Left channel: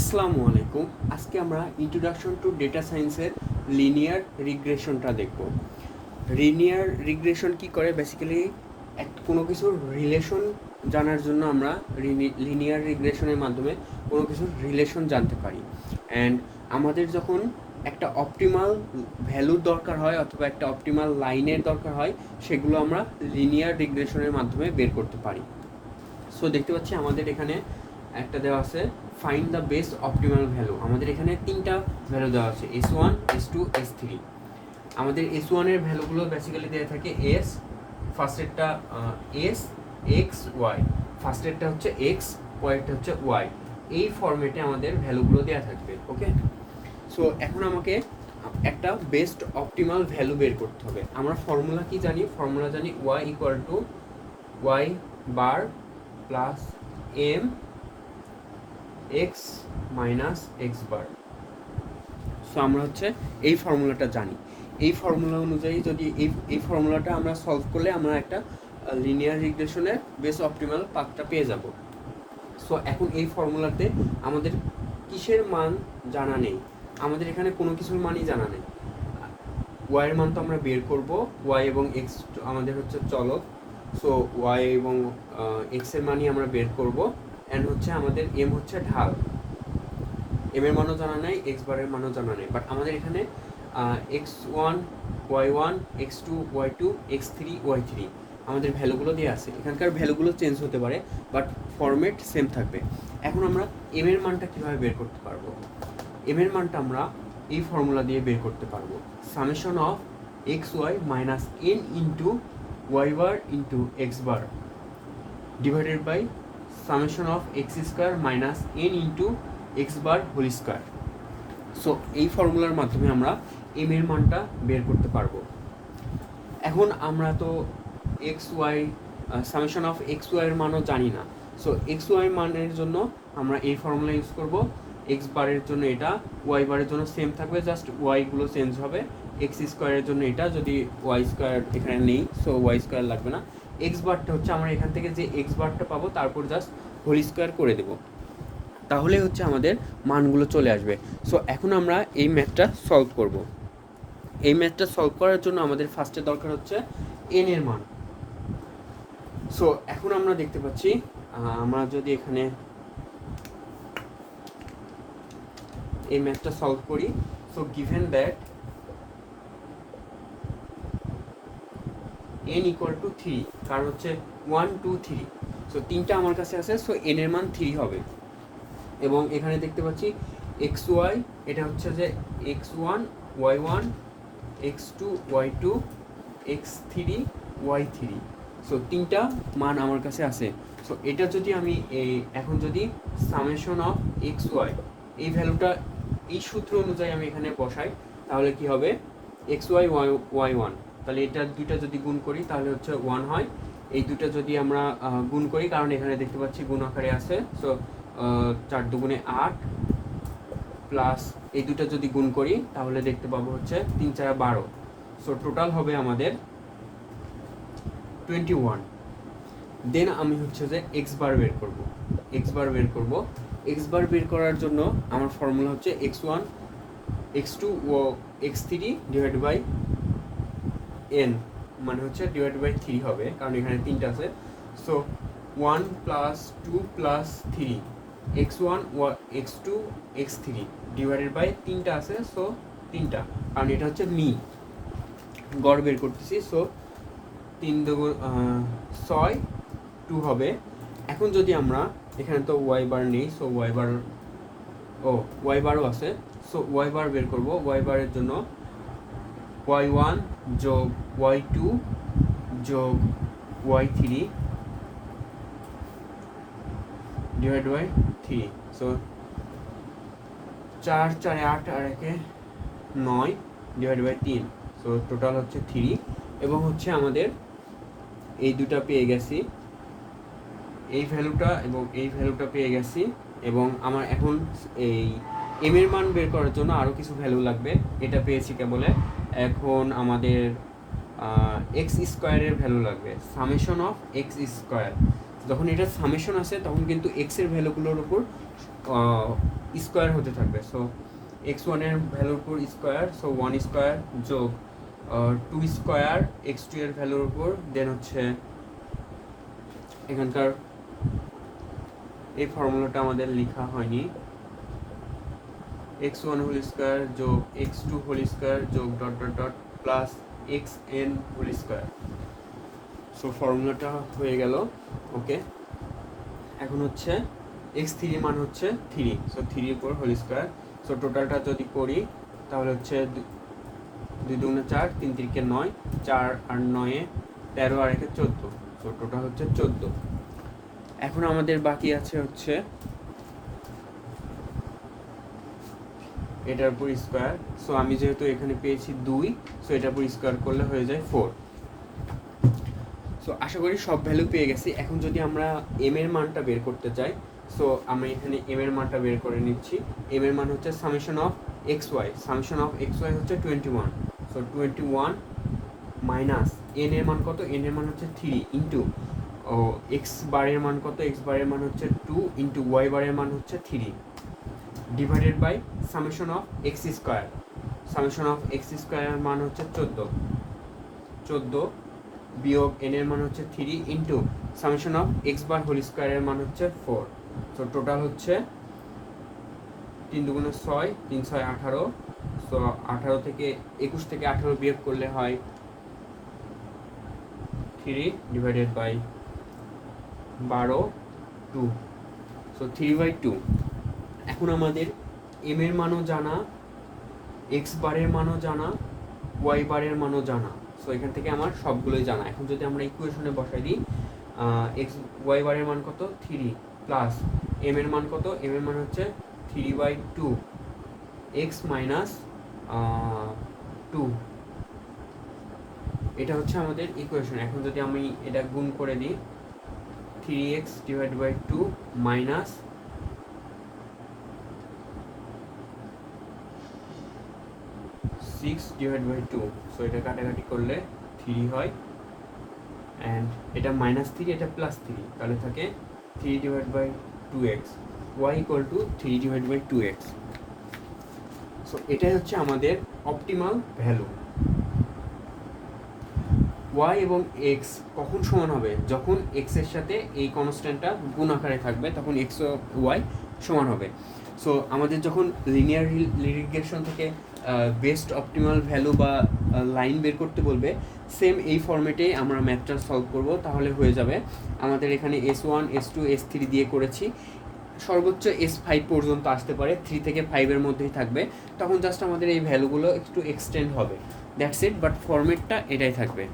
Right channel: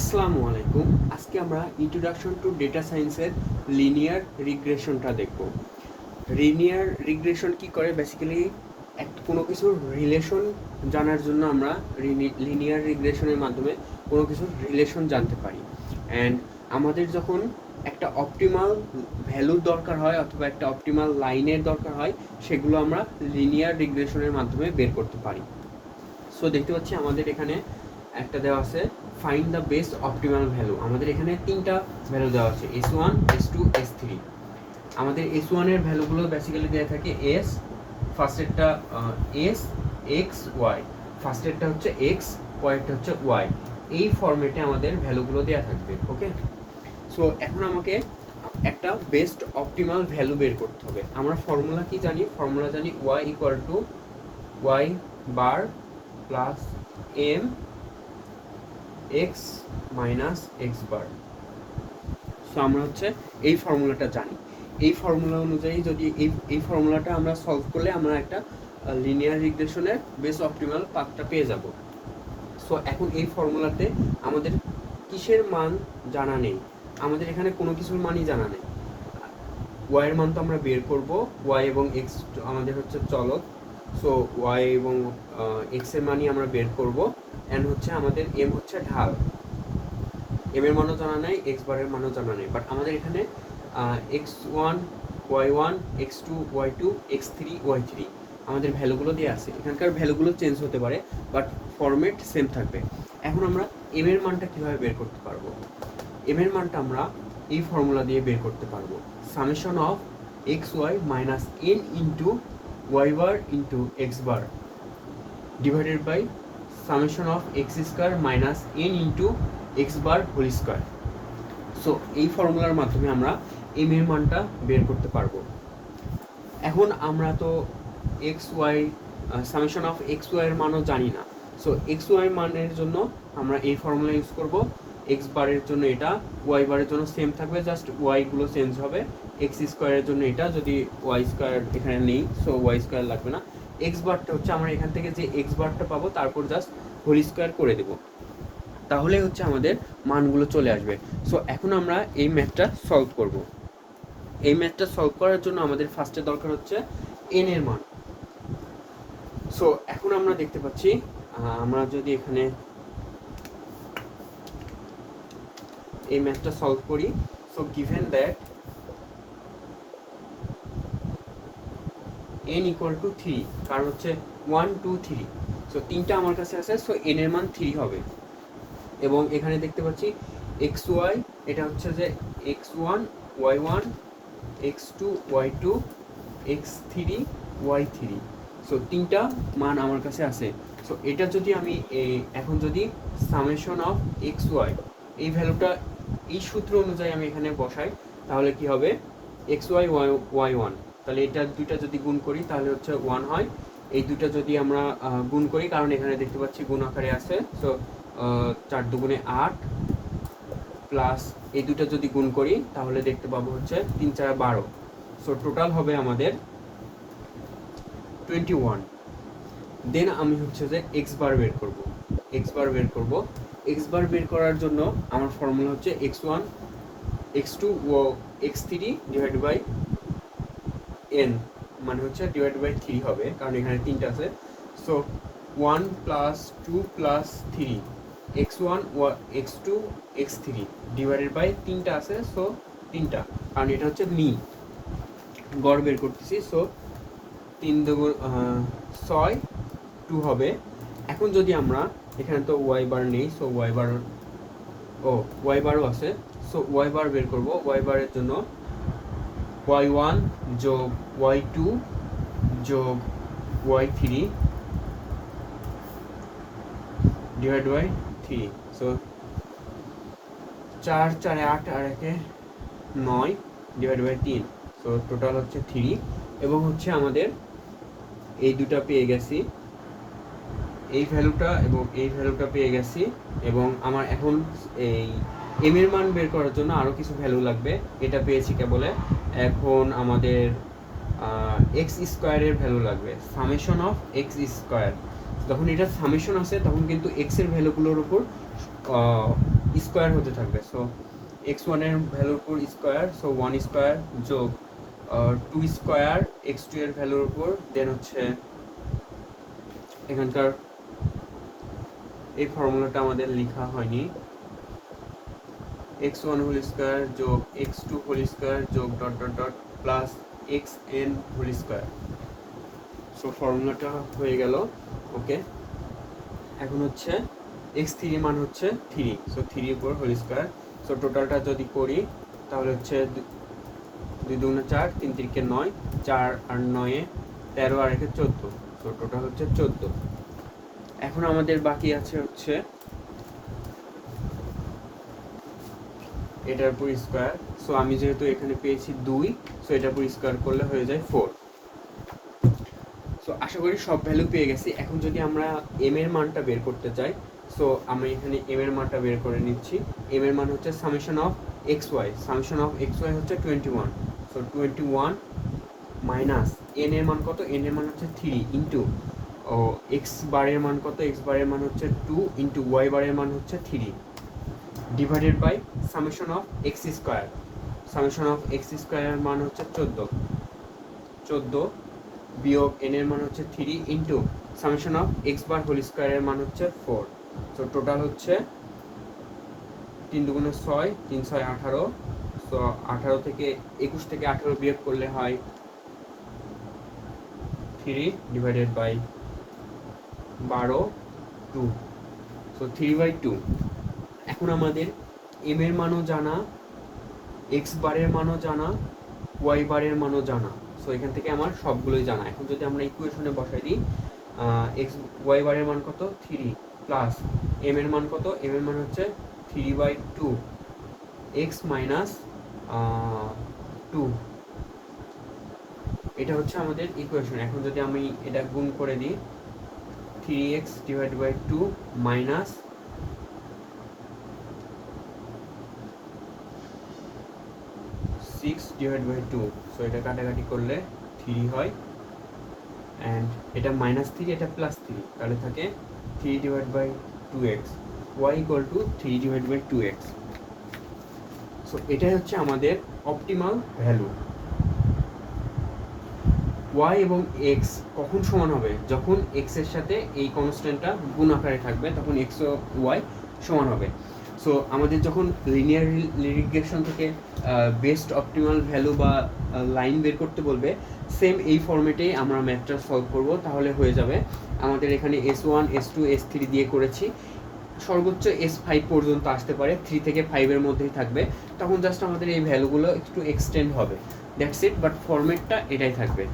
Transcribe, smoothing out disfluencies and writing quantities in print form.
আসসালামু আলাইকুম। আজকে আমরা ইন্ট্রোডাকশন টু ডেটা সায়েন্সের লিনিয়ার রিগ্রেশনটা দেখব। লিনিয়ার রিগ্রেশন কি করে? বেসিক্যালি কোনো কিছুর রিলেশন জানার জন্য আমরা লিনিয়ার রিগ্রেশনের মাধ্যমে কোনো কিছুর রিলেশন জানতে পারি। অ্যান্ড আমাদের যখন একটা অপটিমাল ভ্যালুর দরকার হয় অথবা একটা অপটিমাল লাইনের দরকার হয়, সেগুলো আমরা লিনিয়ার রিগ্রেশনের মাধ্যমে বের করতে পারি। সো দেখতে পাচ্ছি আমাদের এখানে একটা দেওয়া আছে find the best optimal value. আমাদের এখানে তিনটা ভ্যালু দেওয়া আছে, S1, S2, S3। আমাদের S1 এর ভ্যালুগুলো বেসিক্যালি দেওয়া থাকে S, ফার্স্টেরটা S, X, Y, ফার্স্টেরটা হচ্ছে X, পরেরটা হচ্ছে Y। এই ফরম্যাটে আমাদের ভ্যালুগুলো দেওয়া থাকবে। ওকে, সো এখন আমাকে একটা বেস্ট অপটিমাল ভ্যালু বের করতে হবে। আমরা ফর্মুলা কি জানি? ফর্মুলা জানি Y ইকুয়াল টু Y বার plus M x minus x bar. So আমরা হচ্ছে এই ফর্মুলাটা জানি। এই ফর্মুলা অনুযায়ী যদি এই ফর্মুলাটা আমরা সলভ করলে আমরা একটা লিনিয়ার রিগ্রেশনের বেস অপটিমাল পাথটা পেয়ে যাব। সো এখন এই ফর্মুলাতে আমাদের কিসের মান জানা নেই, আমাদের এখানে কোনো কিছুর মানই জানা নেই। ওয়াই এর মান তো আমরা বের করব, ওয়াই এবং এক্স আমাদের হচ্ছে চলক। সো ওয়াই এবং এক্স এর মানই আমরা বের করব। অ্যান্ড হচ্ছে আমাদের এম হচ্ছে ঢাল, এম এর মানও জানা নেই, এক্স বারের মানও জানা নেই। বাট আমাদের এখানে x1 y1 x2 y2 x3 y3 আমাদের ভ্যালুগুলো দিয়ে আছে। এখানকার ভ্যালুগুলো চেঞ্জ হতে পারে, বাট ফরম্যাট সেম থাকবে। এখন আমরা এম এর মানটা কীভাবে বের করতে পারবো? এম এর মানটা আমরা এই ফর্মুলা দিয়ে বের করতে পারবো, summation of X Y minus N into Y bar into X bar divided by summation of X square minus N into X bar whole square. So এই ফর্মুলার মাধ্যমে আমরা এম এর মানটা বের করতে পারবো। এখন আমরা তো X Y summation of X Y এর মানও জানি না। সো এক্স ওয়াই মানের জন্য আমরা এই ফর্মুলা ইউজ করব। এক্স বারের জন্য এটা, ওয়াই বারের জন্য সেম থাকবে, জাস্ট ওয়াইগুলো চেঞ্জ হবে। এক্স স্কোয়ারের জন্য এটা, যদি ওয়াই স্কোয়ার এখানে নেই সো ওয়াই স্কোয়ার লাগবে না। এক্স বারটা হচ্ছে আমরা এখান থেকে যে এক্স বারটা পাবো তারপর জাস্ট হোল স্কোয়ার করে দেবো, তাহলে হচ্ছে আমাদের মানগুলো চলে আসবে। সো এখন আমরা এই ম্যাথটা সলভ করব। এই ম্যাথটা সলভ করার জন্য আমাদের ফার্স্টে দরকার হচ্ছে এন এর মান। সো এখন আমরা দেখতে পাচ্ছি আমরা যদি এখানে এই ম্যাথটা সলভ করি, so given that n equal to 3, কারণ হচ্ছে 1 2 3, সো তিনটা আমার কাছে আছে। সো n এর মান 3 হবে। এবং এখানে দেখতে পাচ্ছি এক্স ওয়াই, এটা হচ্ছে যে x1 y1 x2 y2 x3 y3। So তিনটা মান আমার কাছে আছে। সো এটা যদি আমি এখন যদি সামেশন অফ এক্স ওয়াই এই ভ্যালুটা এই সূত্র অনুযায়ী আমি এখানে বসাই, তাহলে কি হবে এক্স ওয়াই ওয়াই ওয়ান, তাহলে এটা দুইটা যদি গুণ করি তাহলে হচ্ছে 1 হয়। এই দুটো যদি আমরা গুণ করি, কারণ এখানে দেখতে পাচ্ছি গুণ আকারে আছে, সো 4 দুগুণে 8 প্লাস এই দুটো যদি গুণ করি তাহলে দেখতে পাবো হচ্ছে 3 4 12। সো টোটাল হবে আমাদের 21। দেন আমি হচ্ছে যে এক্স বার বের করব। এক্স বার বের করব, এক্স বার বের করার জন্য আমার ফর্মুলা হচ্ছে x1 x2 O x3 divide by n, মানে হচ্ছে ডিভাইড বাই 3 হবে, কারণ এখানে তিনটা আছে। So 1 plus 2 plus 3 x1 x2 x3 divided by তিনটা আছে, সো তিনটা, কারণ এটা হচ্ছে মি গড় বের করতেছি। সো 3 দুগুণ 6 2 হবে। এখন যদি আমরা এখানে তো ওয়াই বার নেই, সো ওয়াই বার ওয়াই বারও আছে। সো ওয়াই বার বের করব। ওয়াই বারের জন্য y1 যোগ y2 যোগ y3 ডিভাইড বাই 3। সো 4 4 8 আর 1 9 ডিভাইড বাই 3। সো টোটাল হচ্ছে 3। এবং হচ্ছে আমাদের এই দুটা পেয়ে গেছি, এই ভ্যালুটা এবং এই ভ্যালুটা পেয়ে গেছি। এবং আমার এখন এই এম এর মান বের করার জন্য আরও কিছু ভ্যালু লাগবে, এটা পেয়েছি কেবলে। এখন আমাদের এক্স স্কোয়ারের ভ্যালু লাগবে, সামেশন অফ এক্স স্কোয়ার। যখন এটা সামেশন আসে তখন কিন্তু এক্স এর ভ্যালুগুলোর উপর স্কোয়ার হতে থাকবে। সো এক্স ওয়ানের ভ্যালুর উপর স্কোয়ার, সো 1 স্কোয়ার যোগ 2 স্কোয়ার এক্স টু এর ভ্যালুর উপর, দেন হচ্ছে এখানকার এই ফর্মুলাটা আমাদের লেখা হয়নি, এক্স ওয়ান হোল স্কোয়ার যোগ এক্স টু হোল স্কোয়ার যোগ dot dot dot plus X N whole square. So ফর্মুলাটা হয়ে গেল। ওকে, এখন হচ্ছে এক্স থ্রি মান হচ্ছে 3, সো 3 উপর হোল স্কোয়ার। সো টোটালটা যদি করি তাহলে হচ্ছে 2 2 4, 3 3 9, 4 আর 9 13 আর 1 14, সো টোটাল হচ্ছে 14। এখন আমাদের বাকি আছে হচ্ছে এটার উপর স্কোয়ার। সো আমি যেহেতু এখানে পেয়েছি 2, সো এটার উপর স্কোয়ার করলে হয়ে যায় 4। সো আশা করি সব ভ্যালু পেয়ে গেছি। এখন যদি আমরা এম এর মানটা বের করতে চাই, সো আমি এখানে এম এর মানটা বের করে নিচ্ছি। এম এর মান হচ্ছে summation of X Y, summation of X Y হচ্ছে 21। সো 21 মাইনাস এন এর মান কত, এন এর মান হচ্ছে 3 ইন্টু এক্স বারের মান কত, এক্স বারের মান হচ্ছে 2 ইন্টু ওয়াই বারের মান হচ্ছে 3 divided by summation of X square, summation of X স্কোয়ারের মান হচ্ছে 14 বিয়োগ এন এর মান হচ্ছে 3 into summation of X bar whole স্কোয়ারের মান হচ্ছে 4। সো টোটাল হচ্ছে 3 2 6, 3 6 18। সো 18 থেকে 21 থেকে 18 বিয়োগ করলে হয় 3 ডিভাইডেড বাই 12 2, সো 3/2। এখন আমাদের এম এর মানও জানা, এক্স বারের মানও জানা, ওয়াই বারের মানও জানা। সো এখান থেকে আমার সবগুলোই জানা। এখন যদি আমরা ইকুয়েশনে বসাই দিই, এক্স ওয়াই বারের মান কত 3 প্লাস এম এর মান কত, এম এর মান হচ্ছে 3/2 এক্স মাইনাস 2, এটা হচ্ছে আমাদের ইকুয়েশন। এখন যদি আমি এটা গুণ করে দিই, 3x divide by 2 minus 6 divide by 2, so এটা কাটাকাটি করলে 3 হয়, অ্যান্ড এটা -3, এটা +3, তাহলে থাকে 3 divide by 2x, y equal to 3 divide by 2x। So এটাই হচ্ছে আমাদের অপটিমাল ভ্যালু। y এবং x কখন সমান হবে, যখন x এর সাথে এই কনস্ট্যান্টটা গুণ আকারে থাকবে, তখন x ও y সমান হবে। সো আমাদের যখন লিনিয়ার রিগ্রেশন থেকে বেস্ট অপটিমাল ভ্যালু বা লাইন বের করতে বলবে, সেম এই ফরম্যাটেই আমরা ম্যাথটা সলভ করব, তাহলে হয়ে যাবে। আমাদের এখানে S1 S2 S3 দিয়ে করেছি, সর্বোচ্চ S5 পর্যন্ত আসতে পারে, 3 থেকে 5-এর মধ্যেই থাকবে। তখন জাস্ট আমাদের এই ভ্যালুগুলো একটু এক্সটেন্ড হবে, দ্যাটস ইট, বাট ফরম্যাটটা এটাই থাকবে।